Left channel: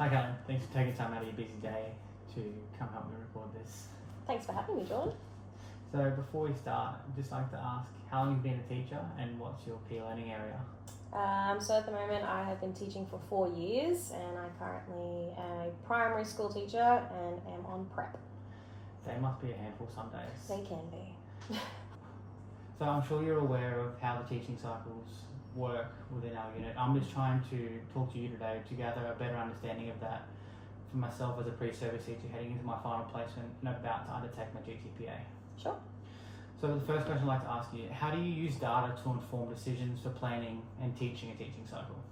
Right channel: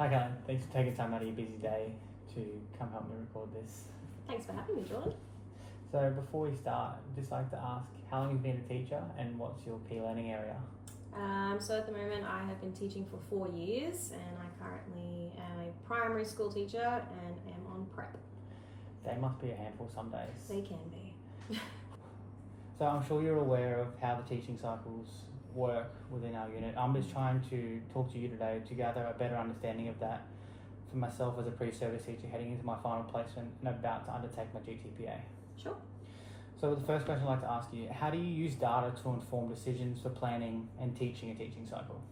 Okay, thanks for taking time out of your busy day to come help me record this. Thanks for having me, Jordan. So before we start, I'd just like to ask how long you've been a teacher and what's your key learning area? So at the moment I have been teaching for 4 years and I currently am a primary school teacher and am on prep. They must be a handful some days. They can be. So I'm sure you're aware of how the teaching cycles work within our unit. I'm just trying to talk to you today to gather a better understanding of that for myself as a pre-service teacher heading into my final placement and about to undertake my GTPA. Sure. So the first question I'd like to ask you, how do you use data to inform decisions for planning and teaching a teaching cycle?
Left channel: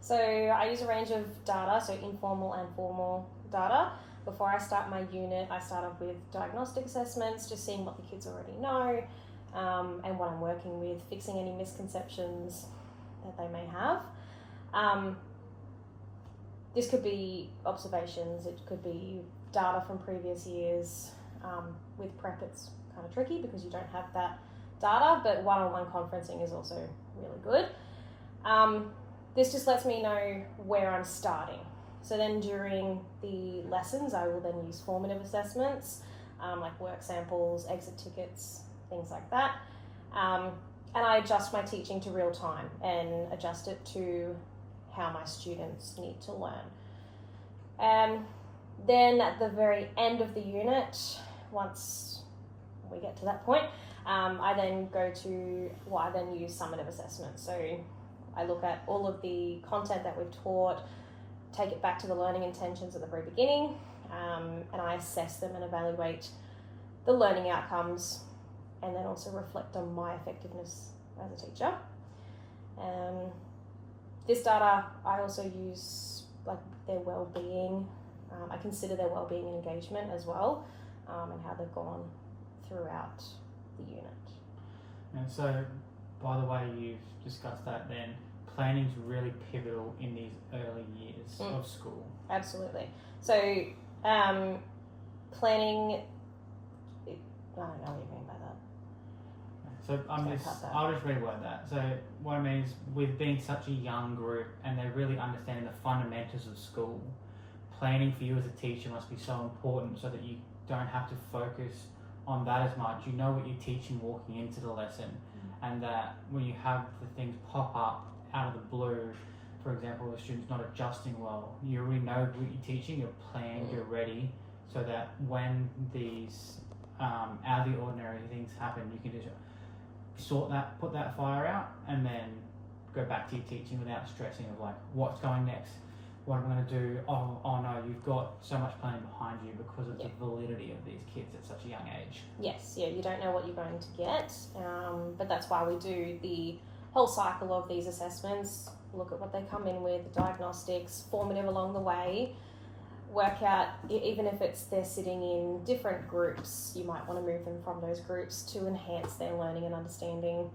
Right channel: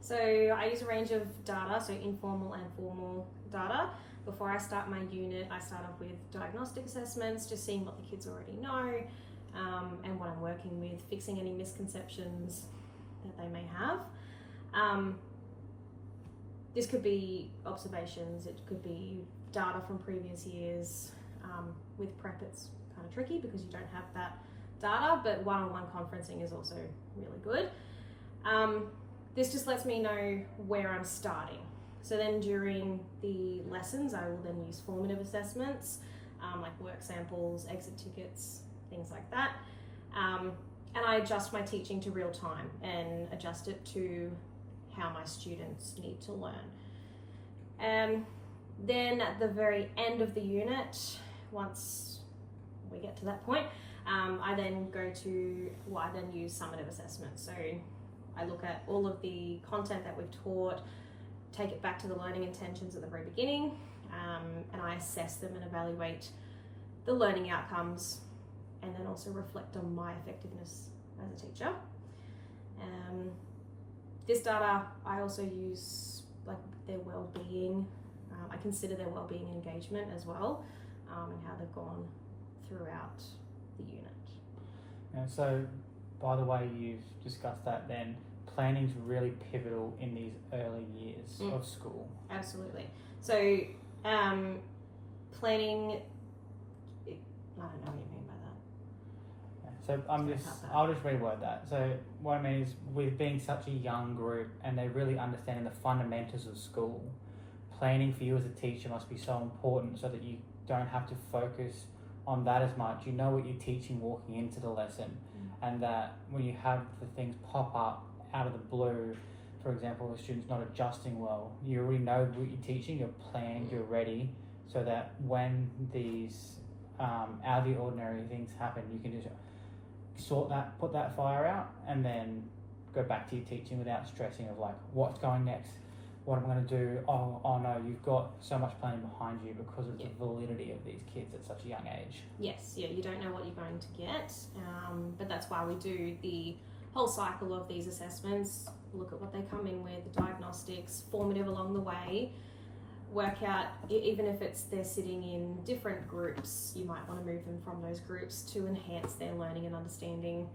So I use a range of data, so informal and formal data. Before I start my unit, I start off with diagnostic assessments, just seeing what the kids already know and what I'm working with, fixing any misconceptions that they may have. This could be observations, it could be data from previous years. With prep it's kind of tricky because you don't have that data, but one-on-one conferencing is also really good. This just lets me know where I'm starting. So then during the lessons I will then use formative assessments like work samples, exit tickets, things like that. And I adjust my teaching to real time and adjust it to how my students need to learn. Then at the very end of the unit, once we get to that point, I then use summative assessment. So I look at all of the content that we've taught, take it back to the learning intentions at the very beginning, and I assess them and evaluate the learning outcomes, and then also reflect on my effectiveness as a teacher. This data I also use like their well-being. I consider their well-being and engagement as well, and how they've gone throughout the unit. And so, by the way you've discussed that then, planning's really pivotal in these early years of school. Absolutely. So, planning, I don't know what you mean by that. So I'll just reword that. So what I mean is, with being such a young group and they're really understanding the fundamentals of school, planning for you as a teacher must be so important so that you don't have to focus on that as much. You know what you're teaching walking into the lesson, and that when you have the things pop up out of the blue, for example, the student's not adjusting well, you already know what you're teaching, you're planned, you're ready, so that when these out of the ordinary things happen, you can just put that fire out, and then go back to your teaching without stressing of like, what's going next? What am I going to do? Oh no, you've got so much planning behind you because of the validity of these kids at such a young age. Yes, you don't know what you're going to get, but that's why we do the whole cycle of these assessments, look at what they come in with, the diagnostics, formative along the way, work out, even if they're sitting in different groups, you might want to move them from those groups to enhance their learning and understanding,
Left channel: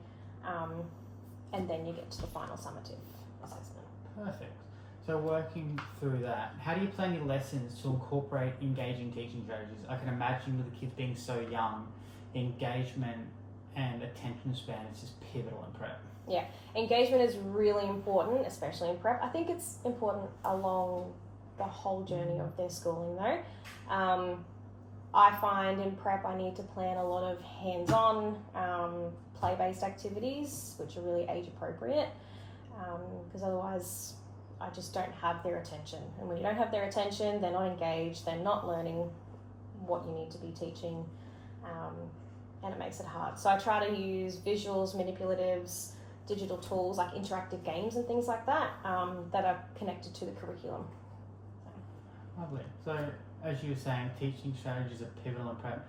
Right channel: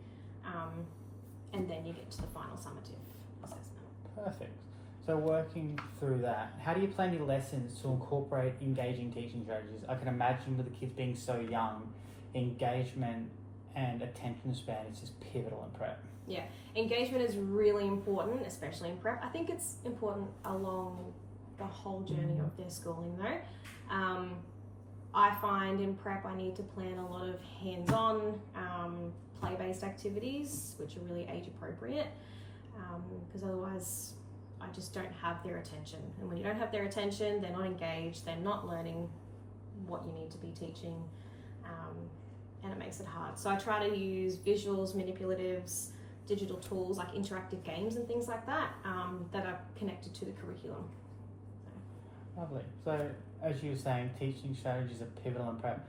and then you get to the final summative assessment. Perfect. So working through that, how do you plan your lessons to incorporate engaging teaching strategies? I can imagine with the kids being so young, engagement and attention span is just pivotal in prep. Yeah, engagement is really important, especially in prep. I think it's important along the whole journey of their schooling though. I find in prep I need to plan a lot of hands-on, play-based activities, which are really age appropriate, because otherwise I just don't have their attention. And when you don't have their attention, they're not engaged, they're not learning what you need to be teaching, and it makes it hard. So I try to use visuals, manipulatives, digital tools like interactive games and things like that, that are connected to the curriculum. Lovely. So as you were saying, teaching strategies are pivotal in prep.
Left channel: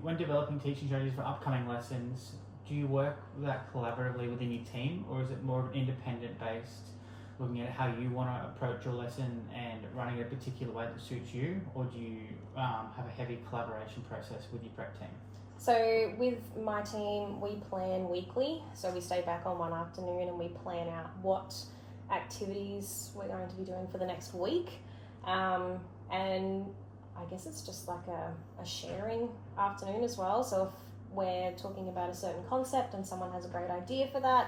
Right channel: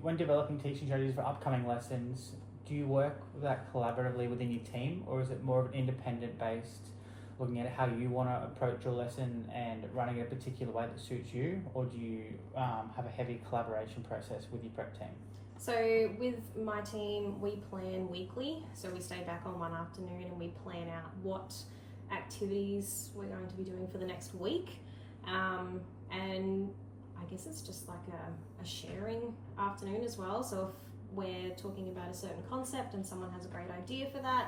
When developing teaching strategies for upcoming lessons, do you work with that collaboratively within your team, or is it more of an independent based, looking at how you want to approach your lesson and running it a particular way that suits you, or do you have a heavy collaboration process with your prep team? So with my team, we plan weekly. So we stay back on one afternoon and we plan out what activities we're going to be doing for the next week. And I guess it's just like a sharing afternoon as well. So if we're talking about a certain concept and someone has a great idea for that,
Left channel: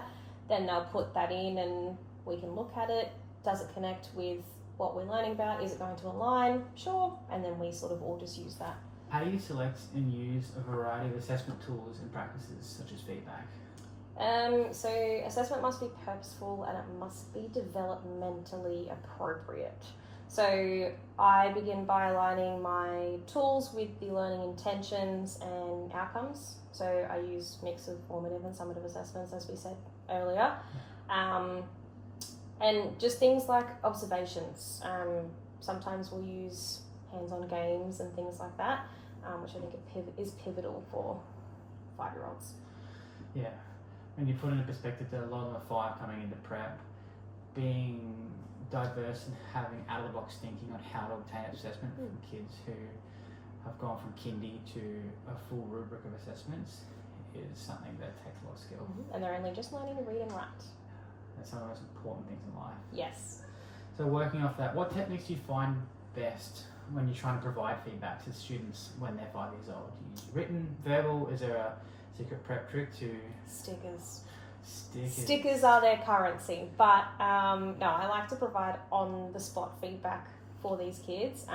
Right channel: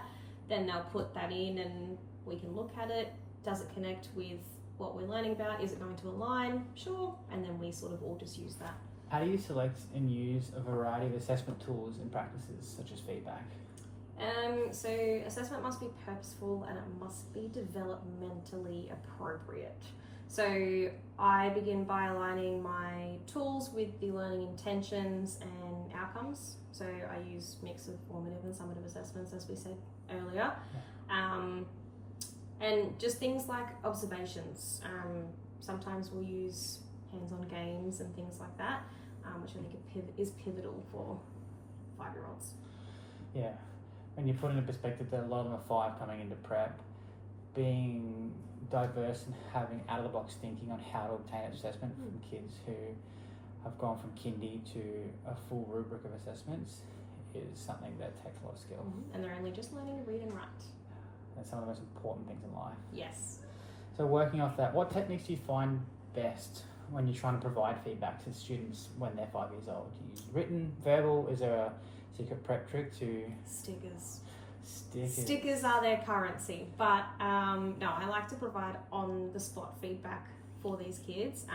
then they'll put that in and we can look at it. Does it connect with what we're learning about. Is it going to align? Sure. And then we sort of all just use that. How do you select and use a variety of assessment tools and practices such as feedback? So assessment must be purposeful and it must be developmentally appropriate. So I begin by aligning my tools with the learning intentions and outcomes. So I use mix of formative and summative assessments, as we said earlier. And just things like observations. Sometimes we'll use hands-on games and things like that, which I think is pivotal for 5-year-olds. Yeah. When you put into perspective that a lot of them are 5 coming into prep, being diverse and having out-of-the-box thinking on how to obtain assessment from kids who have gone from kindy to a full rubric of assessments is something that takes a lot of skill. And they're only just learning to read and write. That's some of the most important things in life. Yes. So working off that, what techniques do you find best when you're trying to provide feedback to students when they're 5 years old? Do you use written, verbal? Is there a secret prep trick to... Stickers. Stickers. Stickers are their currency, but no, I like to provide on-the-spot feedback for these kids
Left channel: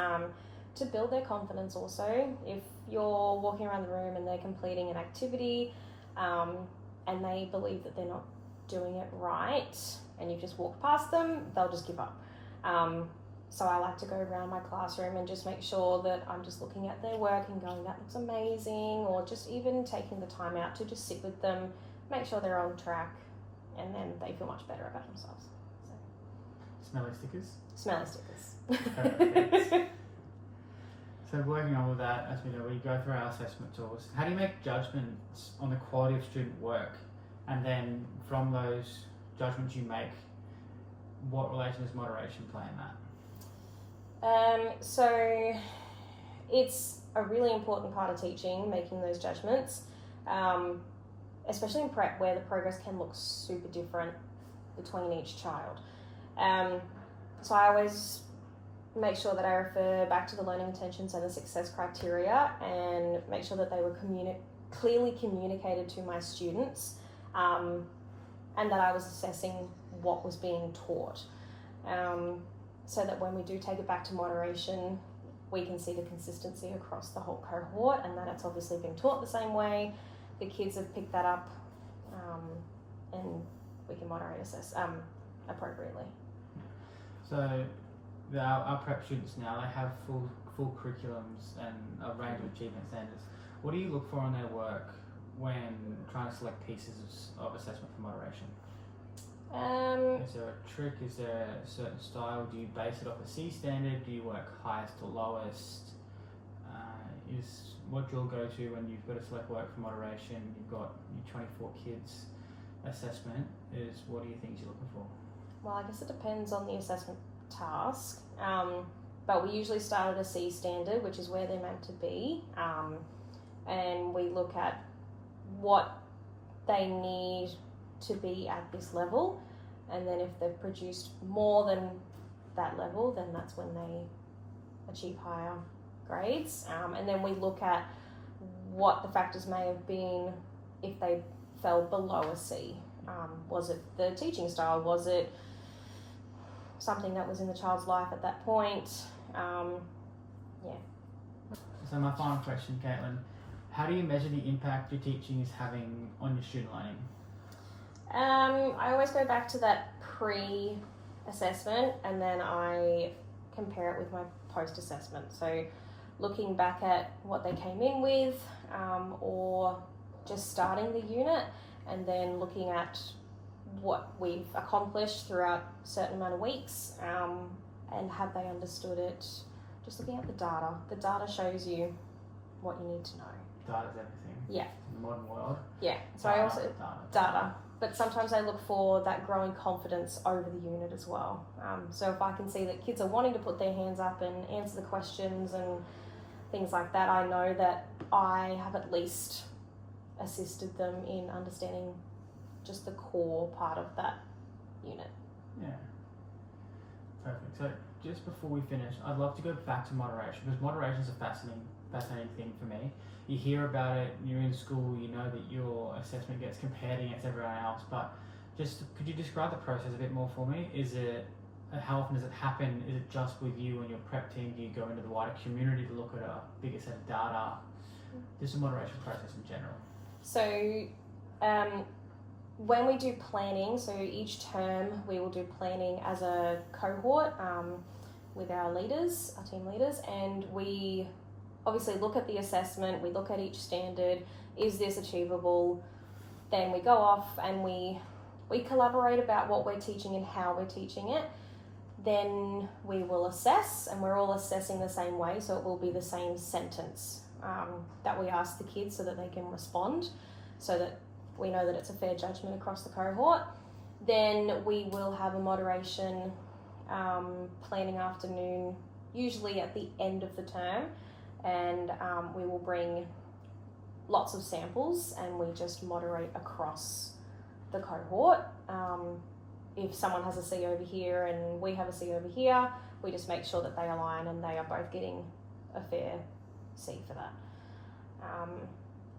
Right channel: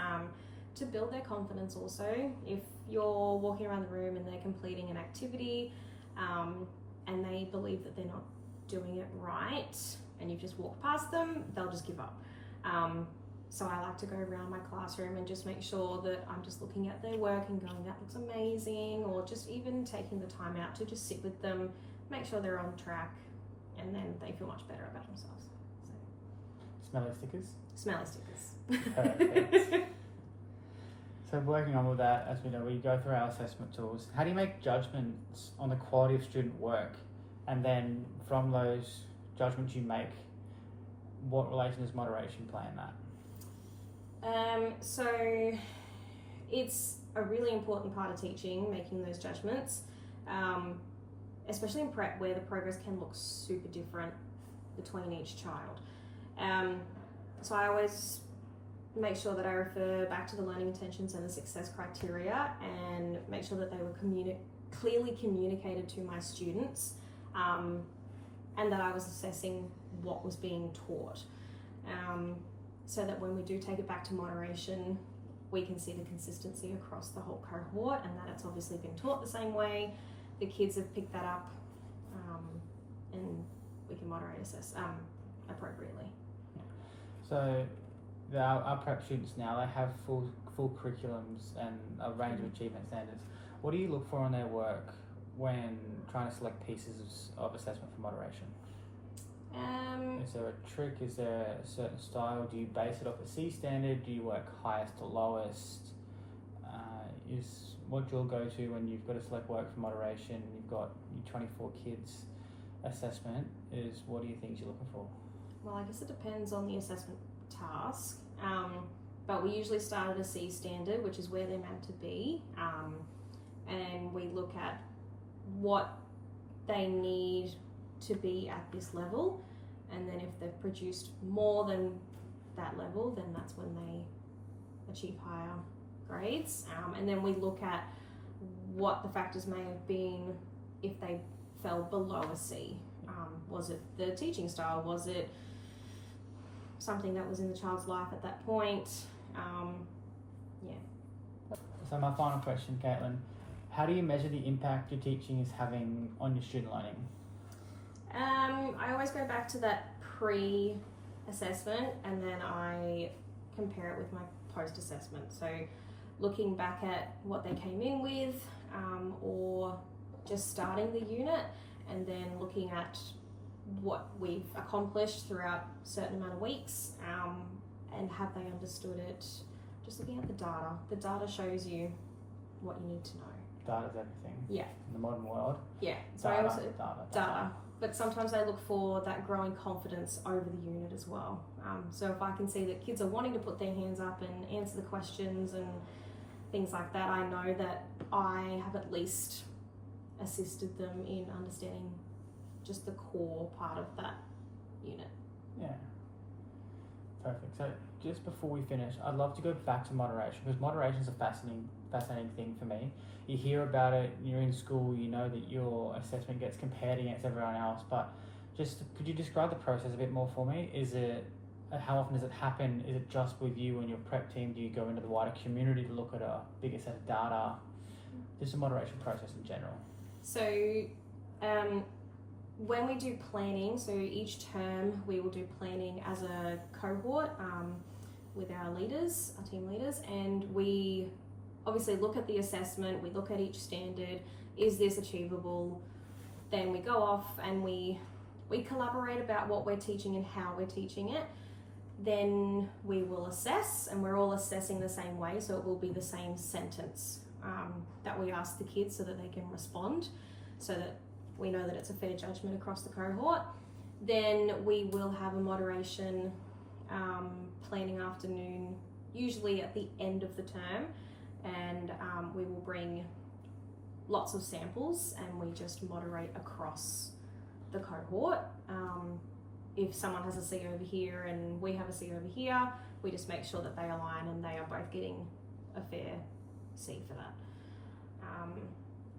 to build their confidence also. If you're walking around the room and they're completing an activity and they believe that they're not doing it right and you've just walked past them, they'll just give up. So I like to go around my classroom and just make sure that I'm just looking at their work and going, that looks amazing, or just even taking the time out to just sit with them, make sure they're on track, and then they feel much better about themselves. So. Smelly stickers? Smelly stickers. Perfect. So working on with that, as we know, we go through our assessment tools. How do you make judgments on the quality of student work? And then from those judgments you make, what relation does moderation play in that? So it's a really important part of teaching, making those judgments, especially in prep where the progress can look super different between each child. So I always make sure that I refer back to the learning intentions and the success criteria and make sure that they were clearly communicated to my students, and that I was assessing what was being taught. So that when we do take it back to moderation, we can see the consistency across the whole cohort and that it's obviously been taught the same way. The kids have picked that up, and we can moderate assess appropriately. So our prep students now, they have full curriculums and a range of achievement standards. What do you look for in their work when trying to select pieces of assessment for moderation? Is there a trick? Is there a certain style? Do you base it off a C standard? Do you work highest to lowest? Is what you'll go to when you've got to select work for moderation, you've got your 24 kids assessment, is what are you things you're looking for? Well, I guess it depends on the assessment task, but we usually start at a C standard, which is where they're meant to be, and we look at what they need to be at this level, and then if they've produced more than that level, then that's when they achieve higher grades, and then we look at what the factors may have been if they fell below a C. Was it the teaching style? Was it something that was in the child's life at that point? So my final question, Caitlin, how do you measure the impact your teaching is having on your student learning? I always go back to that pre-assessment and then I compare it with my post-assessment. So looking back at what they came in with, or just starting the unit, and then looking at what we've accomplished throughout a certain amount of weeks, and have they understood it. Just looking at the data. The data shows you what you need to know. Data's everything. Yeah. In the modern world. Yeah. So I also data. But sometimes I look for that growing confidence over the unit as well. So if I can see that kids are wanting to put their hands up and answer the questions and things like that, I know that I have at least assisted them in understanding just the core part of that unit. Yeah. Perfect. So just before we finish, I'd love to go back to moderation, because moderation is a fascinating thing for me. You hear about it, you're in school, you know that your assessment gets compared against everyone else, but just could you describe the process a bit more for me? Is it how often does it happen? Is it just with you and your prep team? Do you go into the wider community to look at a bigger set of data? Just a moderation process in general. So when we do planning, so each term we will do planning as a cohort with our leaders, our team leaders, and we obviously look at the assessment, we look at each standard, is this achievable? Then we go off and we collaborate about what we're teaching and how we're teaching it. Then we will assess, and we're all assessing the same way, so it will be the same sentence that we ask the kids so that they can respond, so that we know that it's a fair judgment across the cohort. Then we will have a moderation planning afternoon, usually at the end of the term, and we will bring lots of samples and we just moderate across the cohort. If someone has a C over here and we have a C over here, we just make sure that they align and they are both getting a fair C for that.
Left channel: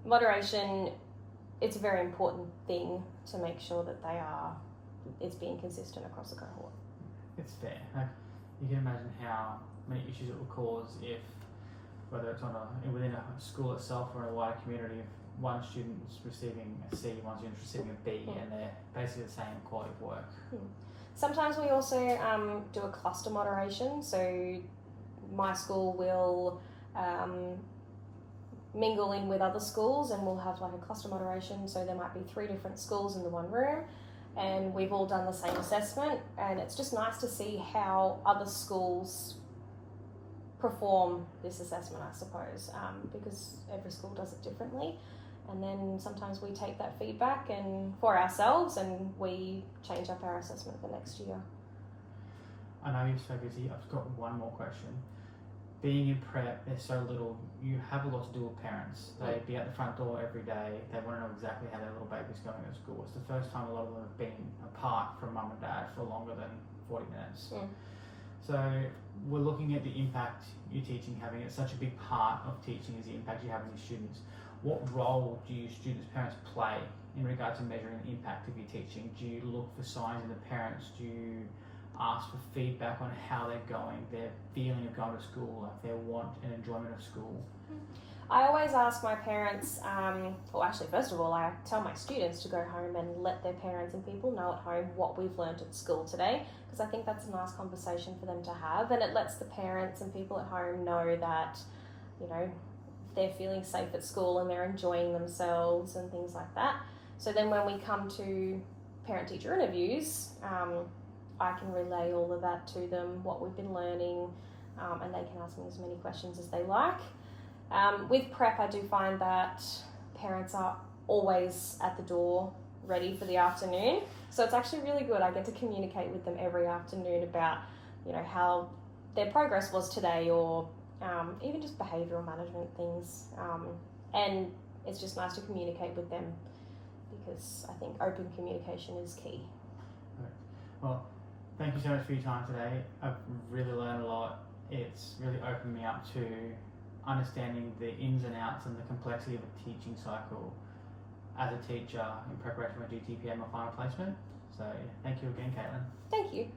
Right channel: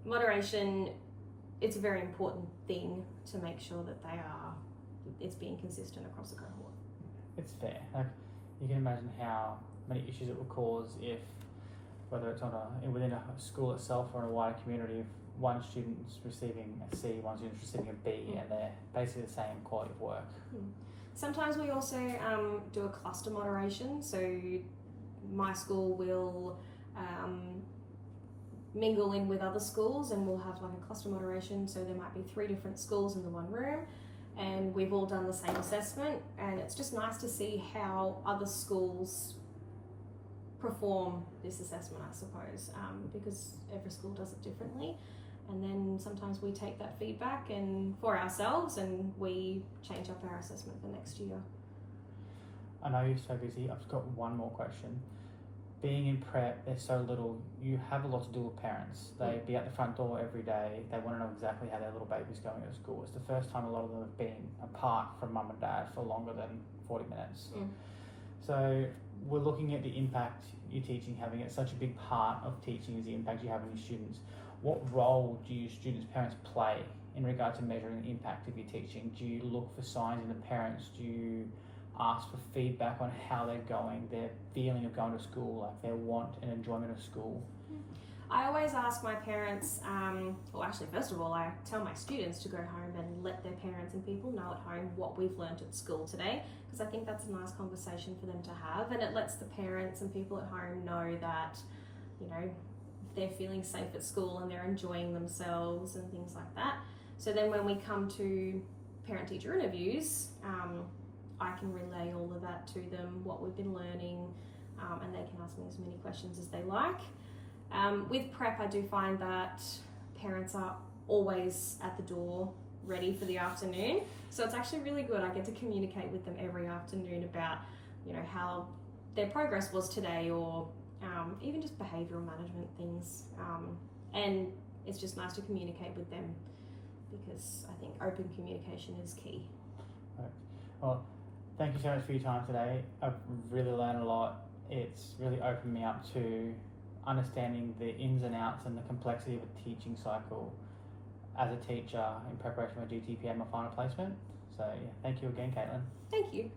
Moderation, it's a very important thing to make sure that it's being consistent across the cohort. It's fair. Like, you can imagine how many issues it will cause if, whether it's within a school itself or in a wider community, if one student's receiving a C, one student's receiving a B, and they're basically the same quality of work. Sometimes we also do a cluster moderation. So my school will mingle in with other schools and we'll have like a cluster moderation. So there might be 3 different schools in the one room and we've all done the same assessment, and it's just nice to see how other schools perform this assessment, I suppose, because every school does it differently. And then sometimes we take that feedback and for ourselves and we change up our assessment for next year. I know you're so busy. I've got one more question. Being in prep, there's so little. You have a lot to do with parents. They'd be at the front door every day. They want to know exactly how their little baby's going at school. It's the first time a lot of them have been apart from mum and dad for longer than 40 minutes. So we're looking at the impact you're teaching having. It's such a big part of teaching is the impact you have on your students. What role do your students' parents play in regard to measuring the impact of your teaching? Do you look for signs in the parents? Do you ask for feedback on how they're going, their feeling of going to school, like their want and enjoyment of school? I always ask my parents, well actually first of all I tell my students to go home and let their parents and people know at home what we've learnt at school today, because I think that's a nice conversation for them to have, and it lets the parents and people at home know that, you know, they're feeling safe at school and they're enjoying themselves and things like that. So then when we come to parent-teacher interviews, I can relay all of that to them, what we've been learning, and they can ask me as many questions as they like. With prep, I do find that parents are always at the door ready for the afternoon. So it's actually really good. I get to communicate with them every afternoon about, you know, how their progress was today, or even just behavioural management things. And it's just nice to communicate with them, because I think open communication is key. Right. Well, thank you so much for your time today. I've really learned a lot. It's really opened me up to understanding the ins and outs and the complexity of a teaching cycle as a teacher in preparation for GTPM or final placement. So yeah, thank you again, Caitlin. Thank you.